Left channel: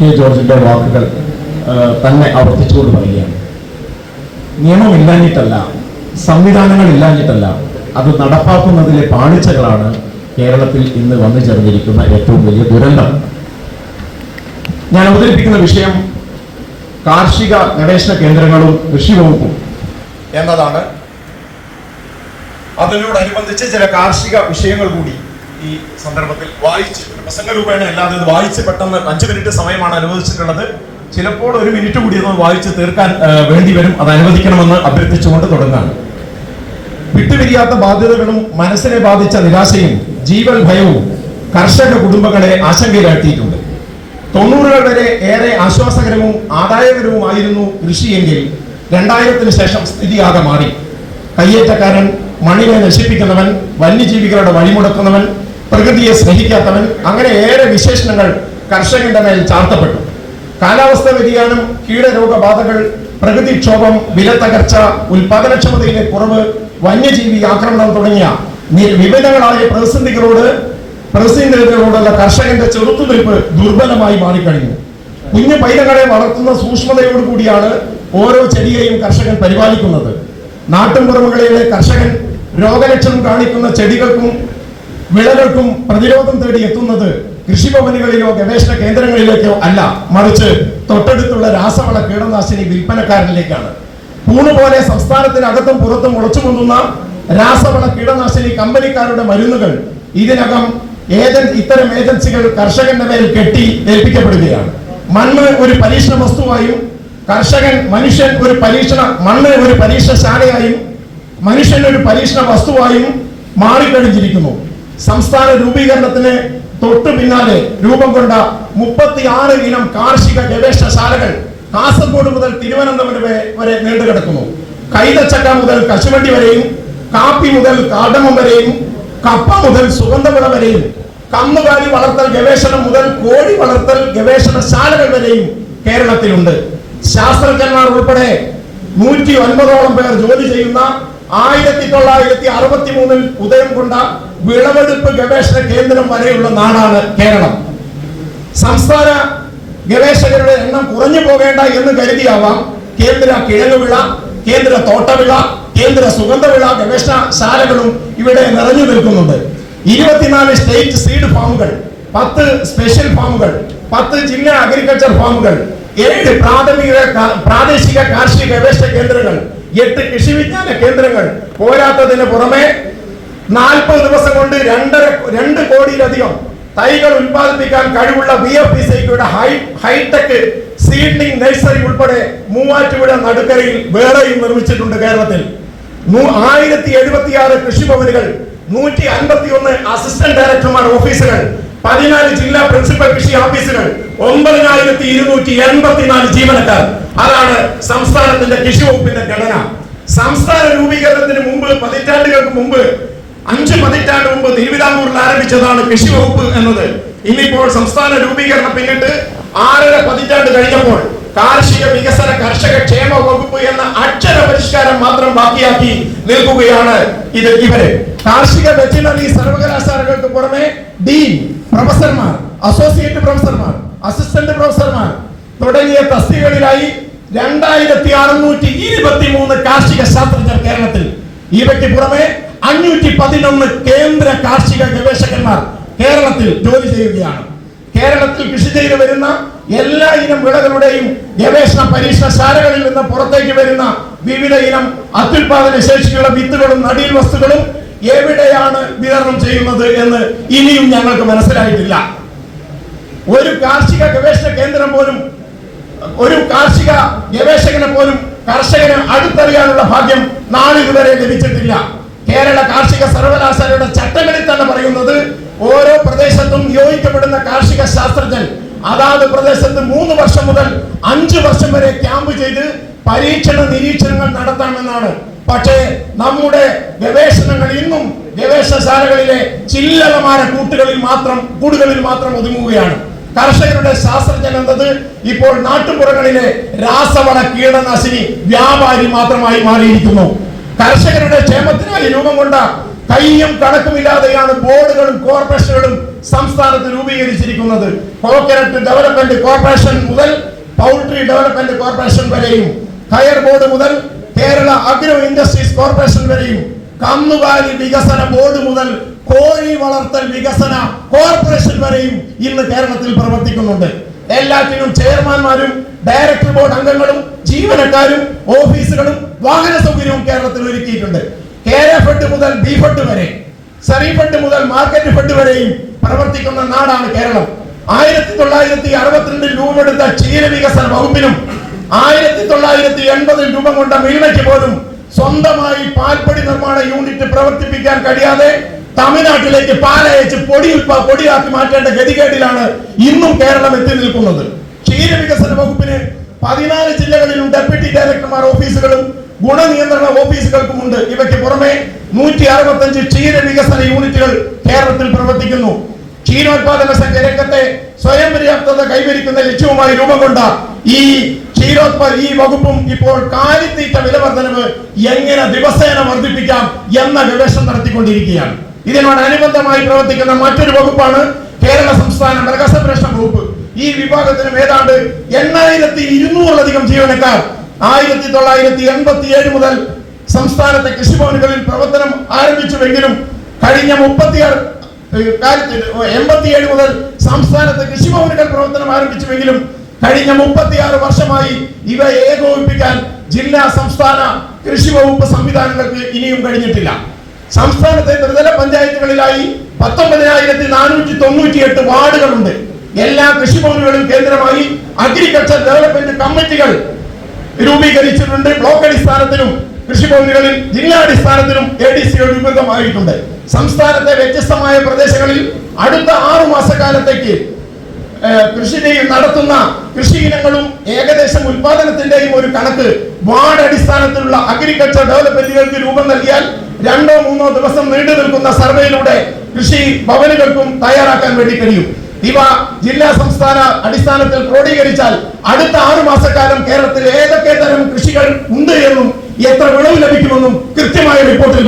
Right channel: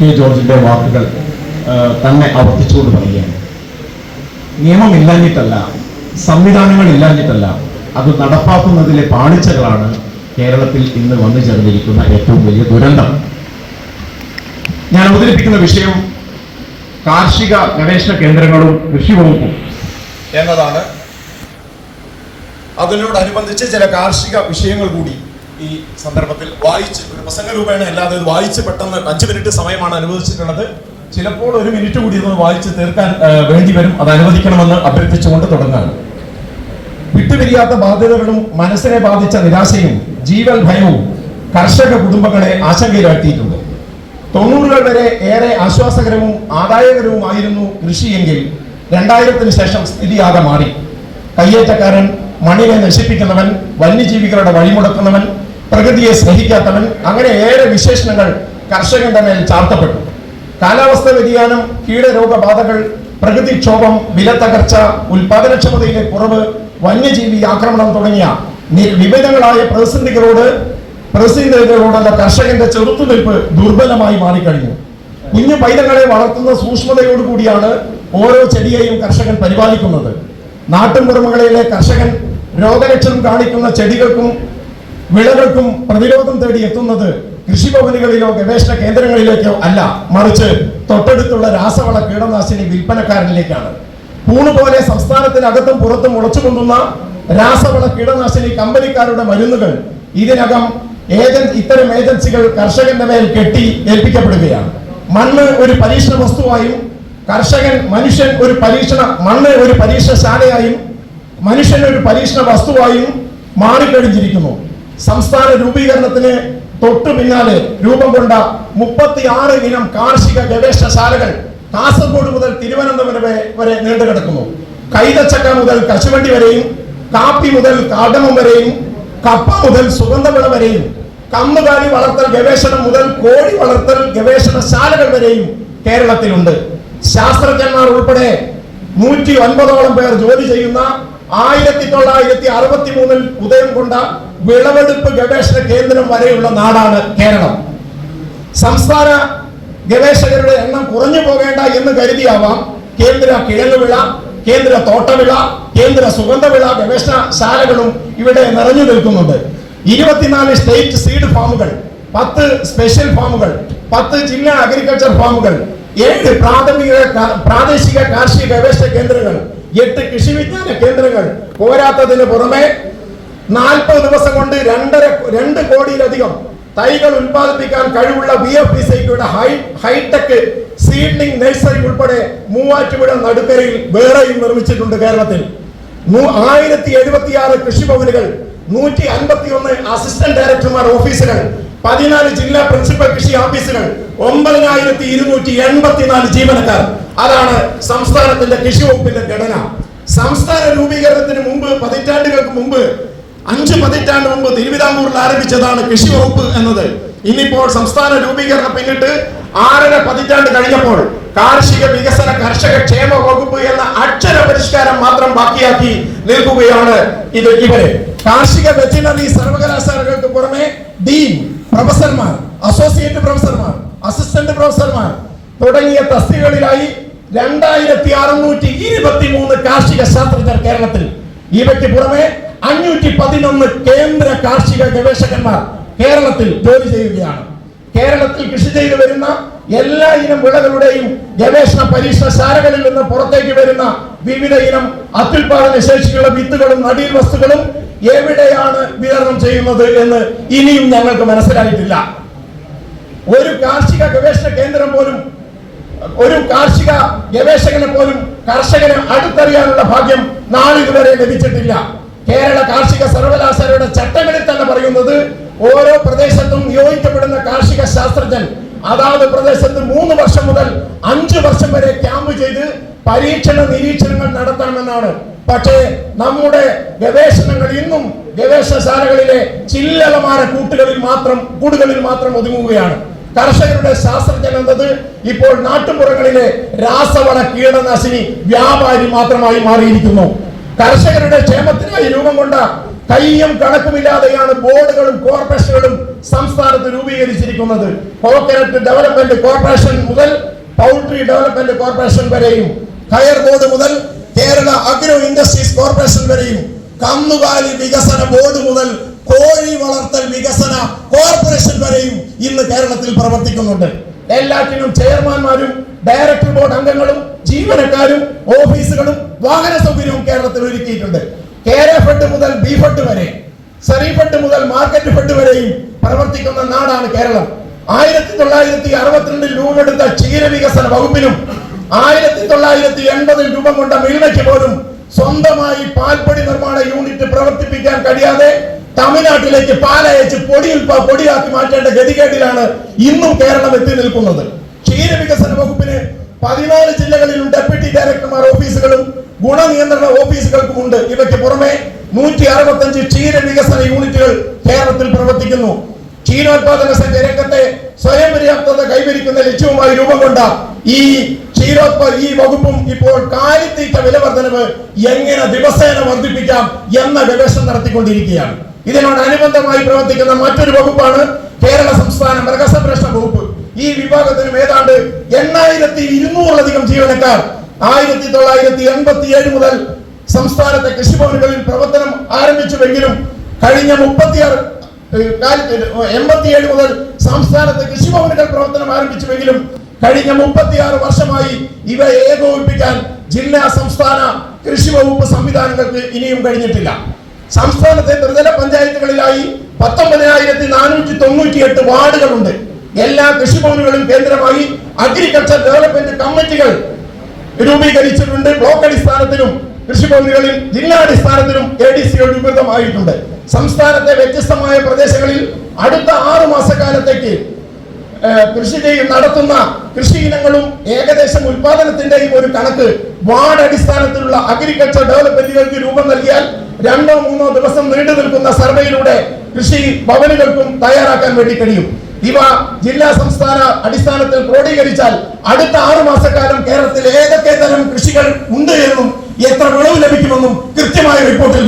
K ജോർജിന്റെ വാക്കുകൾ തന്നെ ആവർത്തിച്ചുകൊണ്ട് പറയുകയാണ്. നിയമം ഇല്ലാഞ്ഞിട്ടല്ല സംവിധാനങ്ങൾ ഇല്ലാഞ്ഞിട്ടല്ല അത് നടപ്പാക്കുന്നതിലെ പാളിച്ചകളാണ് കേരളത്തിൽ ഇന്ന് വന്നു ചേർന്നിരിക്കുന്ന ഏറ്റവും വലിയ ദുരന്തം. ഞാൻ അവതരിപ്പിക്കുന്ന വിഷയം കാർഷിക ഗവേഷണ കേന്ദ്രങ്ങളും കൃഷി വകുപ്പും. എന്നതാണ്. അതിനോടനുബന്ധിച്ച് ചില കാർഷിക വിഷയങ്ങൾ കൂടി ഈ സന്ദർഭത്തിൽ വായിച്ച് ഒരു പ്രസംഗ രൂപേണ അല്ലാതെ വായിച്ച് പെട്ടെന്ന് അഞ്ച് മിനിറ്റ് സമയമാണ് അനുവദിച്ചിട്ടുള്ളത്. ചിലപ്പോൾ ഒരു മിനിറ്റ് കൂടി ഒന്ന് വായിച്ച് തീർക്കാൻ വേണ്ടി വരും. അത് അനുവദിക്കണമെന്ന് അഭ്യർത്ഥിച്ചുകൊണ്ട് തുടങ്ങാണ്. വിട്ടുപിരിയാത്ത ബാധ്യതകളും മനസ്സിനെ ബാധിച്ച നിരാശയും ജീവൻ ഭയവും കർഷക കുടുംബങ്ങളെ ആശങ്കയിലാക്കിയിട്ടുണ്ട് തൊണ്ണൂറുകൾ വരെ ഏറെ ആശ്വാസകരവും ആദായകരവുമായിരുന്നു കൃഷിയെങ്കിൽ രണ്ടായിരത്തിന് ശേഷം സ്ഥിതിയാകെ മാറി. കയ്യേറ്റക്കാരൻ മണ്ണിനെ നശിപ്പിക്കുന്നവൻ വന്യജീവികളുടെ വഴിമുടക്കുന്നവൻ പ്രകൃതിയെ സ്നേഹിക്കാത്തവൻ അങ്ങനെ ഏറെ വിശേഷണങ്ങൾ കർഷകന്റെ മേൽ ചാർത്തപ്പെട്ടു. കാലാവസ്ഥ വ്യതിയാനം കീടരോഗബാധകൾ പ്രകൃതിക്ഷോഭം വിലത്തകർച്ച ഉൽപാദനക്ഷമതയിലെ കുറവ് വന്യജീവി ആക്രമണം തുടങ്ങിയ വിവിധങ്ങളായ പ്രതിസന്ധികളോട് പ്രതിസന്ധികളോടുള്ള കർഷകന്റെ ചെറുത്തുനിൽപ്പ് ദുർബലമായി മാറിക്കഴിഞ്ഞു. കുഞ്ഞു പൈതങ്ങളെ വളർത്തുന്ന സൂക്ഷ്മതയോടുകൂടിയാണ് ഓരോ ചെടിയെയും കർഷകൻ പരിപാലിക്കുന്നത്. നാട്ടിൻപുറമുകളിലെ കർഷകൻ രോഗലക്ഷണം കാണിക്കുന്ന ചെടികൾക്കും വിളകൾക്കും പ്രതിരോധം തേടി എത്തുന്നത് കൃഷിഭവനുകളിലോ ഗവേഷണ കേന്ദ്രങ്ങളിലേക്കോ അല്ല. മറിച്ച് തൊട്ടടുത്തുള്ള രാസവള കീടനാശിനി വിൽപ്പനക്കാരനിലേക്കാണ്. പൂണ് പോലെ സംസ്ഥാനത്തിനകത്തും പുറത്തും മുളച്ചു കൊണ്ടുന്ന രാസവള കീടനാശിനി കമ്പനിക്കാരുടെ മരുന്നുകൾ ഇതിനകം ഏജന്റ് ഇത്തരം ഏജൻസികൾ കർഷകന്റെ മേൽ കെട്ടി ഏൽപ്പിക്കപ്പെടുകയാണ്. മണ്ണ് ഒരു പരീക്ഷണ വസ്തുവായും കർഷകൻ മനുഷ്യൻ ഒരു പരീക്ഷണ മണ്ണ് ഒരു പരീക്ഷണശാലയായും മനുഷ്യൻ ഒരു പരീക്ഷണ വസ്തുവായും മാറിക്കഴിഞ്ഞിരിക്കുന്നു. സംസ്ഥാന രൂപീകരണത്തിന് തൊട്ടു പിന്നാലെ രൂപം കൊണ്ട മുപ്പത്തി ആറ് ഇനം കാർഷിക ഗവേഷണശാലകൾ കാസർഗോഡ് മുതൽ തിരുവനന്തപുരം വരെ നീണ്ടു കിടക്കുന്നു കൈതച്ചക്ക മുതൽ കശുവണ്ടി വരെയും കാപ്പി മുതൽ കാടമം വരെയും കപ്പ മുതൽ സുഗന്ധവിള വരെയും കന്നുകാലി വളർത്തൽ ഗവേഷണം മുതൽ കോഴി വളർത്തൽ ഗവേഷണശാലകൾ വരെയും കേരളത്തിലുണ്ട്. ശാസ്ത്രജ്ഞന്മാർ ഉൾപ്പെടെ നൂറ്റി ഒൻപതോളം പേർ ജോലി ചെയ്യുന്ന ആയിരത്തി തൊള്ളായിരത്തി അറുപത്തി മൂന്നിൽ ഉദയം കൊണ്ട വിളവെടുപ്പ് ഗവേഷണ കേന്ദ്രം വരെയുള്ള നാടാണ് കേരളം. സംസ്ഥാന ഗവേഷകരുടെ എണ്ണം കുറഞ്ഞു പോകേണ്ട എന്ന് കരുതിയാവാം. കേന്ദ്ര കിഴങ്ങുവിള കേന്ദ്ര തോട്ടവിള കേന്ദ്ര സുഗന്ധവിള ഗവേഷണശാലകളും ഇവിടെ നിറഞ്ഞു നിൽക്കുന്നുണ്ട്. ഇരുപത്തിനാല് സ്റ്റേറ്റ് സീഡ് ഫാമുകൾ പത്ത് സ്പെഷ്യൽ ഫാമുകൾ പത്ത് ജില്ലാ അഗ്രികൾച്ചർ ഫാമുകൾ ഏഴ് പ്രാഥമിക പ്രാദേശിക കാർഷിക ഗവേഷണ കേന്ദ്രങ്ങൾ എട്ട് കൃഷി വിജ്ഞാന കേന്ദ്രങ്ങൾ. പോരാത്തതിന് പുറമെ നാൽപ്പത് ദിവസം കൊണ്ട് രണ്ടര രണ്ട് കോടിയിലധികം തൈകൾ ഉൽപ്പാദിപ്പിക്കാൻ കഴിവുള്ള B F P hi hi tech seedling nursery ഉൾപ്പെടെ മൂവാറ്റുപുഴ നടുക്കരയിൽ വേറെയും നിർമ്മിച്ചിട്ടുണ്ട് കേരളത്തിൽ. ആയിരത്തി എഴുപത്തിയാറ് കൃഷിഭവനുകൾ നൂറ്റി അൻപത്തി ഒന്ന് അസിസ്റ്റന്റ് ഡയറക്ടർമാർ ഓഫീസുകൾ പതിനാല് ജില്ലാ പ്രിൻസിപ്പൽ കൃഷി ഓഫീസുകൾ ഒമ്പതിനായിരത്തി ഇരുന്നൂറ്റി എൺപത്തിനാല് ജീവനക്കാർ. അതാണ് സംസ്ഥാനത്തിന്റെ കൃഷി വകുപ്പിന്റെ ഘടന. സംസ്ഥാന രൂപീകരണത്തിന് മുമ്പ് പതിറ്റാണ്ടുകൾക്ക് മുമ്പ് അഞ്ച് പതിറ്റാണ്ട് മുമ്പ് തിരുവിതാംകൂറിൽ ആരംഭിച്ചതാണ് കൃഷി വകുപ്പ് എന്നത്. ഇന്നിപ്പോൾ സംസ്ഥാന രൂപീകരണം പിന്നിട്ട് ആറര പതിറ്റാണ്ട് കഴിഞ്ഞപ്പോൾ കാർഷിക വികസന കർഷക ക്ഷേമ വകുപ്പ് എന്ന അക്ഷര പരിഷ്കാരം മാത്രം ബാക്കിയാക്കി നിൽക്കുകയാണ് ഇത് ഇവർ. കാർഷിക വെറ്റിനറി സർവകലാശാലകൾക്ക് പുറമെ ഡീൻ പ്രൊഫസർമാർ അസോസിയേറ്റ് പ്രൊഫസർമാർ അസിസ്റ്റന്റ് പ്രൊഫസർമാർ തുടങ്ങിയ തസ്തികളിലായി രണ്ടായിരത്തി അറുന്നൂറ്റി ഇരുപത്തി മൂന്ന് കാർഷിക ശാസ്ത്രജ്ഞർ കേരളത്തിൽ. ഇവയ്ക്ക് പുറമെ അഞ്ഞൂറ്റി പതിനൊന്ന് കേന്ദ്ര കാർഷിക ഗവേഷകന്മാർ കേരളത്തിൽ ജോലി ചെയ്യുകയാണ്. കേരളത്തിൽ കൃഷി ചെയ്തു വരുന്ന എല്ലാ ഇനം വിളകളുടെയും ഗവേഷണ പരീക്ഷണശാലകളിൽ നിന്ന് പുറത്തേക്ക് വരുന്ന വിവിധ ഇനം അത്യുൽപാദന ശേഷിയുള്ള വിത്തുകളും നടീൽ വസ്തുക്കളും എവിടെയാണ് വിതരണം ചെയ്യുന്നത് എന്ന് ഇനിയും ഞങ്ങൾക്ക് മനസ്സിലായിട്ടില്ല. ഒരു കാർഷിക ഗവേഷണ കേന്ദ്രം പോലും ഒരു കാർഷിക ഗവേഷകനെ പോലും കർഷകന് അടുത്തറിയാനുള്ള ഭാഗ്യം നാളിതുവരെ ലഭിച്ചിട്ടില്ല. കേരള കാർഷിക സർവകലാശാലയുടെ ചട്ടങ്ങളിൽ തന്നെ പറയുന്നത് ഓരോ പ്രദേശത്തും നിയോഗിക്കപ്പെടുന്ന കാർഷിക ശാസ്ത്രജ്ഞൻ അതാത് പ്രദേശത്ത് മൂന്ന് വർഷം മുതൽ അഞ്ച് വർഷം വരെ ക്യാമ്പ് ചെയ്ത് പരീക്ഷണ നിരീക്ഷണങ്ങൾ നടത്തണമെന്നാണ്. പക്ഷേ നമ്മുടെ ഗവേഷണങ്ങൾ ഇന്നും ഗവേഷണശാലകളിലെ ചില്ലറമാര കൂട്ടുകളിൽ മാത്രം കൂടുകളിൽ മാത്രം ഒതുങ്ങുകയാണ്. കർഷകരുടെ ശാസ്ത്രജ്ഞൻ എന്നത് ഇപ്പോൾ നാട്ടുപുറങ്ങളിലെ രാസവള കീടനാശിനി വ്യാപാരി മാത്രമായി മാറിയിരിക്കുന്നു. കർഷകരുടെ ക്ഷേമത്തിനായി രൂപം കൊണ്ട കയ്യും കണക്കുമില്ലാതെയാണ് ബോർഡുകളും കോർപ്പറേഷനുകളും സംസ്ഥാനത്ത് രൂപീകരിച്ചിരിക്കുന്നത്. കോക്കനട്ട് ഡെവലപ്മെന്റ് കോർപ്പറേഷൻ മുതൽ പൗൾട്രി ഡെവലപ്മെന്റ് കോർപ്പറേഷൻ വരെയും കയർ ബോർഡ് മുതൽ കേരള അഗ്രോ ഇൻഡസ്ട്രീസ് കോർപ്പറേഷൻ വരെയും കന്നുകാലി വികസന ബോർഡ് മുതൽ കോഴി വളർത്തൽ വികസന കോർപ്പറേഷൻ വരെയും ഇന്ന് കേരളത്തിൽ പ്രവർത്തിക്കുന്നുണ്ട്. എല്ലാത്തിനും ചെയർമാൻമാരും ഡയറക്ടർ ബോർഡ് അംഗങ്ങളും ജീവനക്കാരും ഓഫീസുകളും വാഹന സൗകര്യവും കേരളത്തിൽ ഒരുക്കിയിട്ടുണ്ട്. കേര ഫണ്ട് മുതൽ ബി ഫണ്ട് വരെ സെറി ഫണ്ട് മുതൽ മാർക്കറ്റ് ഫണ്ട് വരെയും പ്രവർത്തിക്കുന്ന നാടാണ് കേരളം. ആയിരത്തി തൊള്ളായിരത്തി അറുപത്തിരണ്ടിൽ രൂപമെടുത്ത ക്ഷീര വികസന വകുപ്പിനും ആയിരത്തി തൊള്ളായിരത്തി എൺപതിൽ രൂപം കൊണ്ട മിൽമയ്ക്ക് പോലും സ്വന്തമായി പാൽപ്പൊടി നിർമ്മാണ യൂണിറ്റ് പ്രവർത്തിപ്പിക്കാൻ കഴിയാതെ തമിഴ്നാട്ടിലേക്ക് പാലയച്ച് പൊടി ഉൽപ്പ പൊടിയാക്കി മാറ്റേണ്ട ഗതികേടിലാണ് ഇന്നും കേരളം എത്തി നിൽക്കുന്നത്. ക്ഷീര വികസന വകുപ്പിന് പതിനാല് ജില്ലകളിലും ഡെപ്യൂട്ടി ഡയറക്ടർമാർ ഓഫീസുകളും ഗുണനിയന്ത്രണ ഓഫീസുകൾക്കുമുണ്ട്. ഇവയ്ക്ക് പുറമെ നൂറ്റി അറുപത്തഞ്ച് ക്ഷീര വികസന യൂണിറ്റുകൾ കേരളത്തിൽ പ്രവർത്തിക്കുന്നു. ക്ഷീരോത്പാദന രംഗത്തെ സ്വയം പര്യാപ്തത കൈവരിക്കുന്ന ലക്ഷ്യവുമായി രൂപം കൊണ്ട ഈ ക്ഷീരോത്പാദ ഈ വകുപ്പും ഇപ്പോൾ കാലിത്തീറ്റ വില വർധനവ് എങ്ങനെ ദിവസേന വർദ്ധിപ്പിക്കാം എന്ന ഗവേഷണം നടത്തിക്കൊണ്ടിരിക്കുകയാണ്. ഇതിനോട് അനുബന്ധമായി പ്രവർത്തിക്കുന്ന മറ്റൊരു വകുപ്പാണ് കേരള സംസ്ഥാന മൃഗസംരക്ഷണ വകുപ്പ്. ഈ വിഭാഗത്തിനും ഏതാണ്ട് എണ്ണായിരത്തി ഇരുന്നൂറിലധികം ജീവനക്കാർ ആയിരത്തി തൊള്ളായിരത്തി എൺപത്തി ഏഴ് മുതൽ സംസ്ഥാനത്തെ കൃഷിഭവനുകളിൽ പ്രവർത്തനം ആരംഭിച്ചുവെങ്കിലും കഴിഞ്ഞ മുപ്പത്തിയാറ് എൺപത്തിയേഴ് മുതൽ സംസ്ഥാനത്തെ കൃഷിഭവനുകൾ പ്രവർത്തനം ആരംഭിച്ചുവെങ്കിലും കഴിഞ്ഞ മുപ്പത്തിയാറ് വർഷമായി ഇവ ഏകോപിപ്പിക്കാൻ ജില്ലാ സംസ്ഥാന കൃഷി വകുപ്പ് സംവിധാനങ്ങൾക്ക് ഇനിയും കഴിഞ്ഞിട്ടില്ല. സംസ്ഥാനത്തെ ത്രിതല പഞ്ചായത്തുകളിലായി പത്തൊമ്പതിനായിരത്തി നാനൂറ്റി തൊണ്ണൂറ്റി എട്ട് വാർഡുകളുണ്ട്. എല്ലാ കൃഷിഭവനുകളും കേന്ദ്രമായി അഗ്രികൾച്ചർ ഡെവലപ്മെന്റ് കമ്മിറ്റികൾ രൂപീകരിച്ചിട്ടുണ്ട്. ബ്ലോക്ക് അടിസ്ഥാനത്തിലും കൃഷിഭവനുകളിൽ ജില്ലാടിസ്ഥാനത്തിലും എ ഡി സി രൂപീകൃതമായിട്ടുണ്ട് സംസ്ഥാനത്തെ വ്യത്യസ്തമായ പ്രദേശങ്ങളിൽ അടുത്ത ആറു മാസക്കാലത്തേക്ക് കൃഷി നടത്തുന്ന കൃഷി ഇനങ്ങളും ഏകദേശം ഉൽപാദനത്തിന്റെയും ഒരു കണക്ക് വാർഡ് അടിസ്ഥാനത്തിലുള്ള അഗ്രികൾച്ചർ ഡെവലപ്മെന്റുകൾക്ക് രൂപം നൽകിയാൽ രണ്ടോ മൂന്നോ ദിവസം നീണ്ടു നിൽക്കുന്ന സർവേയിലൂടെ കൃഷി ഭവനുകൾക്കും തയ്യാറാക്കാൻ വേണ്ടി കഴിയും. ഇവ ജില്ലാ സംസ്ഥാന അടിസ്ഥാനത്തിൽ ക്രോഡീകരിച്ചാൽ അടുത്ത ആറു മാസക്കാലം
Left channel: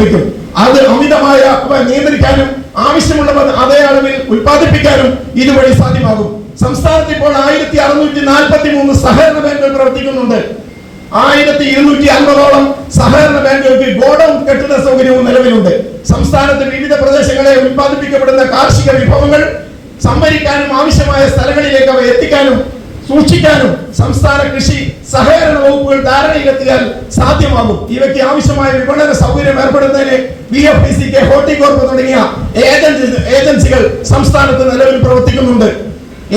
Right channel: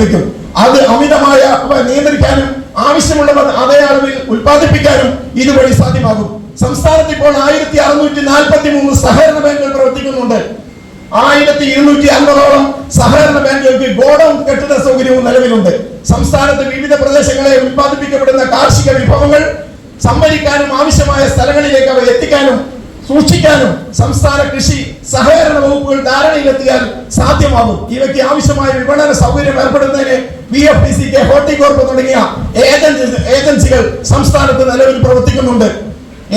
വെക്കും അത് അമിതമായ നിയന്ത്രിക്കാനും ആവശ്യമുള്ളവർ അതേ അളവിൽ ഉൽപ്പാദിപ്പിക്കാനും ഇതുവഴി സാധ്യമാകും. സംസ്ഥാനത്ത് ഇപ്പോൾ ആയിരത്തി അറുന്നൂറ്റി നാൽപ്പത്തി മൂന്ന് സഹകരണ ബാങ്കുകൾ പ്രവർത്തിക്കുന്നുണ്ട്. ആയിരത്തി ഇരുന്നൂറ്റി അൻപതോളം സഹകരണ ബാങ്കുകൾക്ക് ഗോഡൌൺ കെട്ടിട സൗകര്യവും നിലവിലുണ്ട്. സംസ്ഥാനത്ത് വിവിധ പ്രദേശങ്ങളെ ഉൽപ്പാദിപ്പിക്കപ്പെടുന്ന കാർഷിക വിഭവങ്ങൾ സംഭരിക്കാനും ആവശ്യമായ സ്ഥലങ്ങളിലേക്ക് അവ എത്തിക്കാനും സൂക്ഷിക്കാനും സംസ്ഥാന കൃഷി സഹകരണ വകുപ്പുകൾ ധാരണയിലെത്തിയാൽ സാധ്യമാകും. ഇവയ്ക്ക് ആവശ്യമായ വിപണന സൗകര്യം ഏർപ്പെടുന്നതിന് B F D C K Horticorp തുടങ്ങിയ ഏജൻസി ഏജൻസികൾ സംസ്ഥാനത്ത് നിലവിൽ പ്രവർത്തിക്കുന്നുണ്ട്.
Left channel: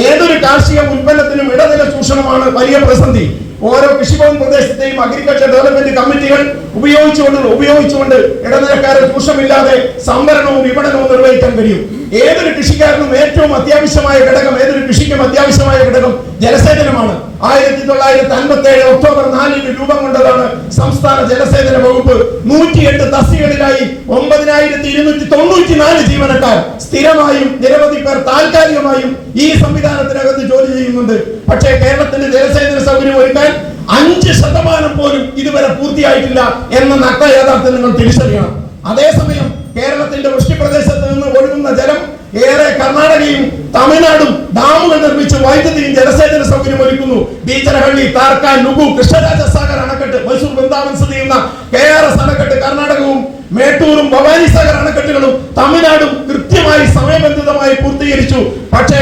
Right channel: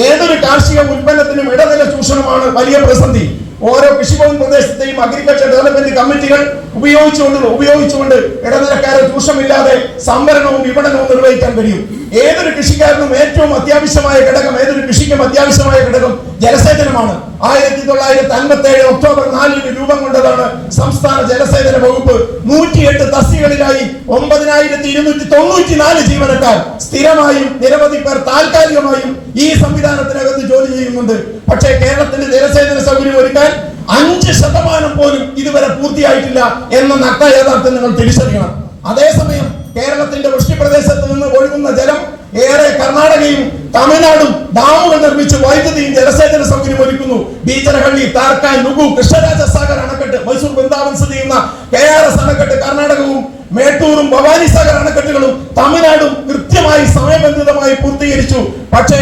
ഏതൊരു കാർഷിക ഉൽപ്പന്നത്തിനും ഇടനില ചൂഷണമാണ് വലിയ പ്രതിസന്ധി. ഓരോ കൃഷിഭവൻ പ്രദേശത്തെയും അഗ്രികൾച്ചർ ഡെവലപ്മെന്റ് കമ്മിറ്റികൾ ഉപയോഗിച്ചുകൊണ്ട് ഉപയോഗിച്ചുകൊണ്ട് ഇടനിലക്കാരെ ചൂഷമില്ലാതെ സംവരണവും വിപണനവും നിർവഹിക്കാൻ കഴിയും. ഏതൊരു കൃഷിക്കാരനും ഏറ്റവും അത്യാവശ്യമായ ഘടകം ഏതൊരു കൃഷിക്കും അത്യാവശ്യമായ ഘടകം ജലസേചനമാണ്. ആയിരത്തി തൊള്ളായിരത്തി അൻപത്തി ഏഴ് ഒക്ടോബർ നാലിന് രൂപം കൊണ്ടതാണ് സംസ്ഥാന ജലസേചന വകുപ്പ് നൂറ്റിയെട്ട് തസ്തികളിലായി ഒമ്പതിനായിരത്തി ഇരുന്നൂറ്റി തൊണ്ണൂറ്റി നാല് ജീവനക്കാർ സ്ഥിരമായും നിരവധി പേർ താൽക്കാലികമായും ഈ സംവിധാനത്തിനകത്ത് ജോലി ചെയ്യുന്നുണ്ട്. പക്ഷേ കേരളത്തിന്റെ ജലസേചന സൗകര്യം ഒരുക്കാൻ അഞ്ച് ശതമാനം പോലും ഇതുവരെ പൂർത്തിയായിട്ടില്ല എന്ന നഗ്ന യാഥാർത്ഥ്യം നിങ്ങൾ തിരിച്ചറിയണം. അതേസമയം കേരളത്തിന്റെ വൃഷ്ടിപ്രദേശത്ത് നിന്ന് ഒഴുകുന്ന ജലം ഏറെ കർണാടകയും തമിഴ്നാടും ഡാമുകൾ നിർമ്മിച്ച് വൈദ്യുതി ജലസേചന സൗകര്യം ഒരുക്കുന്നു. ബീച്ചരഹള്ളി താർക്കാൻ നുഗു കൃഷ്ണരാജ സാഗർ അണക്കെട്ട് മൈസൂർ വൃന്ദാവൻ സ്ഥിതി ചെയ്യുന്ന കെ ആർ എസ് അണക്കെട്ട് കർണാടകവും മേട്ടൂരും ഭവാനി സാഗർ അണക്കെട്ടുകളും തമിഴ്നാടും കൃത്യമായി സമയബന്ധിതമായി പൂർത്തീകരിച്ചു. പക്ഷേ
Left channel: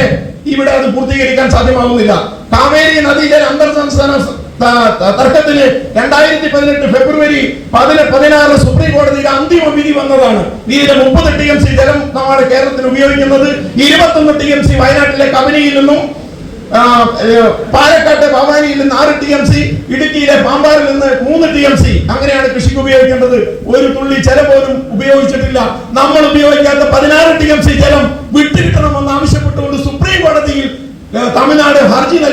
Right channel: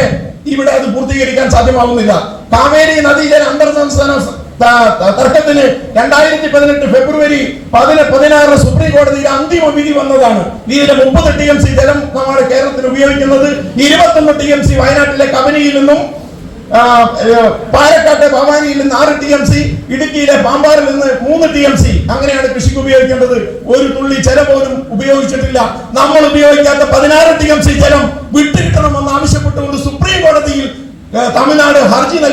ഇവിടെ അത് പൂർത്തീകരിക്കാൻ സാധ്യമാകുന്നില്ല കാവേരി നദിയിലെ അന്തർ സംസ്ഥാന തർക്കത്തിന് രണ്ടായിരത്തി പതിനെട്ട് ഫെബ്രുവരി പതിന പതിനാറ് സുപ്രീം കോടതിയുടെ അന്തിമ വിധി വന്നതാണ്. ഇതിന്റെ മുപ്പത് ടി എം സി ജലം നമ്മുടെ കേരളത്തിൽ ഉപയോഗിക്കുന്നത്. ഇരുപത്തൊന്ന് ടി എം സി വയനാട്ടിലെ കബനിയിൽ നിന്നും പാലക്കാട്ടെ ഭവാനിയിൽ നിന്ന് ആറ് ടി എം സി ഇടുക്കിയിലെ പാമ്പാറിൽ നിന്ന് മൂന്ന് ടി എം സി. അങ്ങനെയാണ് കൃഷിക്ക് ഉപയോഗിക്കേണ്ടത്. ഒരു തുള്ളി ജലം പോലും ഉപയോഗിച്ചിട്ടില്ല. നമ്മൾ ഉപയോഗിക്കാത്ത പതിനാറ് ടി എം സി ജലം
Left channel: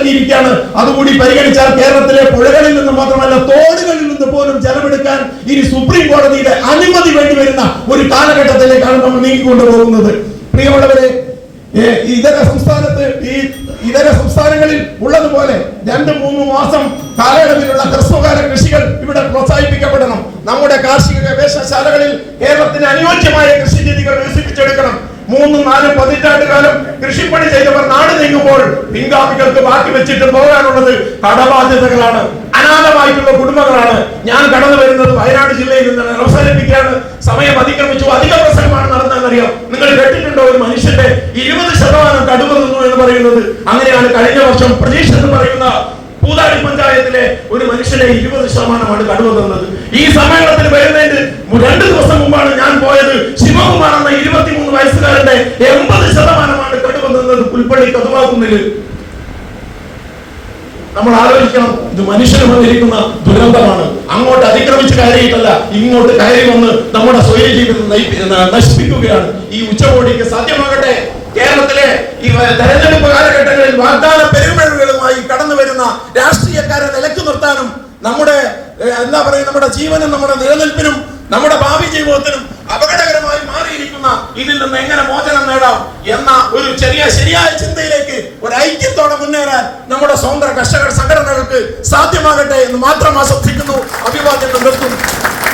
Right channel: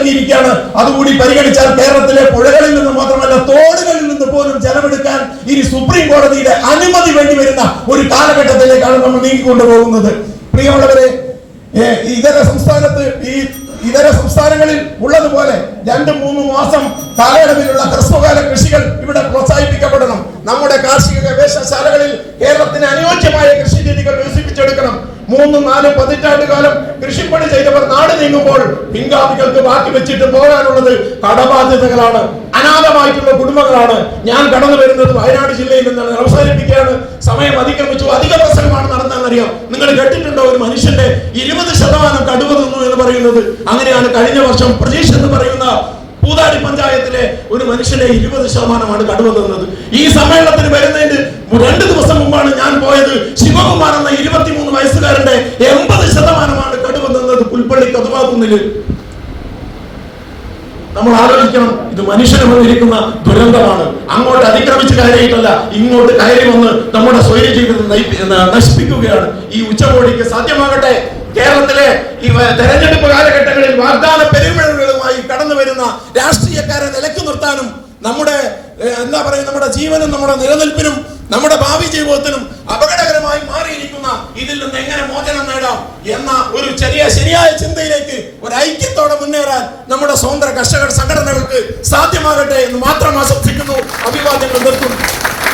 നൽകിയിരിക്കുകയാണ് അതുകൂടി പരിഗണിച്ചാൽ കേരളത്തിലെ പുഴകളിൽ നിന്ന് മാത്രമല്ല തോടുകളിൽ നിന്ന് പോലും ജലമെടുക്കാൻ ഇനി സുപ്രീം കോടതിയുടെ അനുമതി വേണ്ടി വരുന്ന ഒരു കാലഘട്ടത്തിലേക്കാണ് നമ്മൾ നീങ്ങിക്കൊണ്ടു പോകുന്നത്. പ്രിയമുള്ളവരെ ഇതര സംസ്ഥാനത്ത് ഈ ഇതര സംസ്ഥാനങ്ങളിൽ ഉള്ളതുപോലെ രണ്ട് മൂന്ന് മാസം കാലയളവിലുള്ള ഹ്രസ്വകാല കൃഷികൾ ഇവിടെ പ്രോത്സാഹിപ്പിക്കപ്പെടണം. നമ്മുടെ കാർഷിക ഗവേഷണശാലകളിൽ കേരളത്തിന് അനുയോജ്യമായ കൃഷി രീതികൾ വികസിപ്പിച്ചെടുക്കണം. മൂന്നും നാലും പതിറ്റാണ്ട് കാലം കൃഷിപ്പണി ചെയ്തവർ നീങ്ങുമ്പോൾ പിൻഗാമികൾക്ക് ബാക്കി വെച്ചിട്ട് പോകാനുള്ളത് കടബാധ്യതകളാണ്. അനാഥമായിട്ടുള്ള കുടുംബങ്ങളാണ്. ഞാൻ കടന്നു വരുന്നത് വയനാട് ജില്ലയിൽ നിന്നാണ്. അവസാനിപ്പിക്കുകയാണ് സമയം അതിക്രമിച്ചു. അധിക പ്രസംഗമാണ് നടന്നതെന്നറിയാം? നിങ്ങൾ കേട്ടിട്ടുണ്ടോ? ഒരു മനുഷ്യന്റെ ഇരുപത് ശതമാനം കടുവ നിന്നു എന്ന് പറയുന്നത്. അങ്ങനെയാണ് കഴിഞ്ഞ വർഷം പ്രതീക്ഷ എന്ന് പറയുന്ന പൂതാടി പഞ്ചായത്തിലെ ഒരു മനുഷ്യനെ ഇരുപത് ശതമാനമാണ് കടുവ നിന്നത് ഈ സമ്മേളനത്തിൽ വരുന്നതിന് രണ്ട് ദിവസം മുമ്പാണ് ഞാൻ പോയത്. ശിവകുമാർ എന്ന ഇരുപത്തിമൂന്ന് വയസ്സുകാരന്റെ നിന്നത് പുൽപ്പള്ളി നമ്മൾ ആലോചിക്കണം ഇത് മനുഷ്യന് വന്നിരിക്കുന്ന ദുരന്തമാണ്. അങ്ങോട്ട് അതിക്രമിച്ച് കയറിയിട്ടല്ല ഇങ്ങോട്ട് കയറി വന്ന് നമ്മുടെ സ്വയം ജീവിതം നശിപ്പിക്കുകയാണ്. ഈ ഉച്ചകോടിക്ക് സാധ്യമാകട്ടെ. കേരളത്തിലെ ഈ തെരഞ്ഞെടുപ്പ് കാലഘട്ടങ്ങളിൽ വാഗ്ദാന പെരുമഴകളുമായി കടന്നു വരുന്ന രാഷ്ട്രീയക്കാരെ നിലയ്ക്ക് നിർത്താനും നമ്മുടെ എന്താ പറയുക നമ്മുടെ ജീവനും നമ്മുടെ നിലനിൽപ്പിനും നമ്മുടെ ഭാവി ജീവിതത്തിനും അപകടകരമായി മാറിയിരിക്കുന്ന ഇതിൽ നിന്ന് എങ്ങനെ മോചനം നേടാം എന്ന ഒരു ചെറിയ ശരിയായ ചിന്തയിലേക്ക് ഒരു ഐക്യത്തോടെ മുന്നേറാൻ നമ്മുടെ സ്വന്തം കർഷക സംഘടനകൾക്ക് സാധ്യമാകട്ടെ എന്ന് മാത്രം ആശ്രദ്ധിക്കുന്നു അഭിവാദ്യങ്ങൾ നിർത്തുന്നു.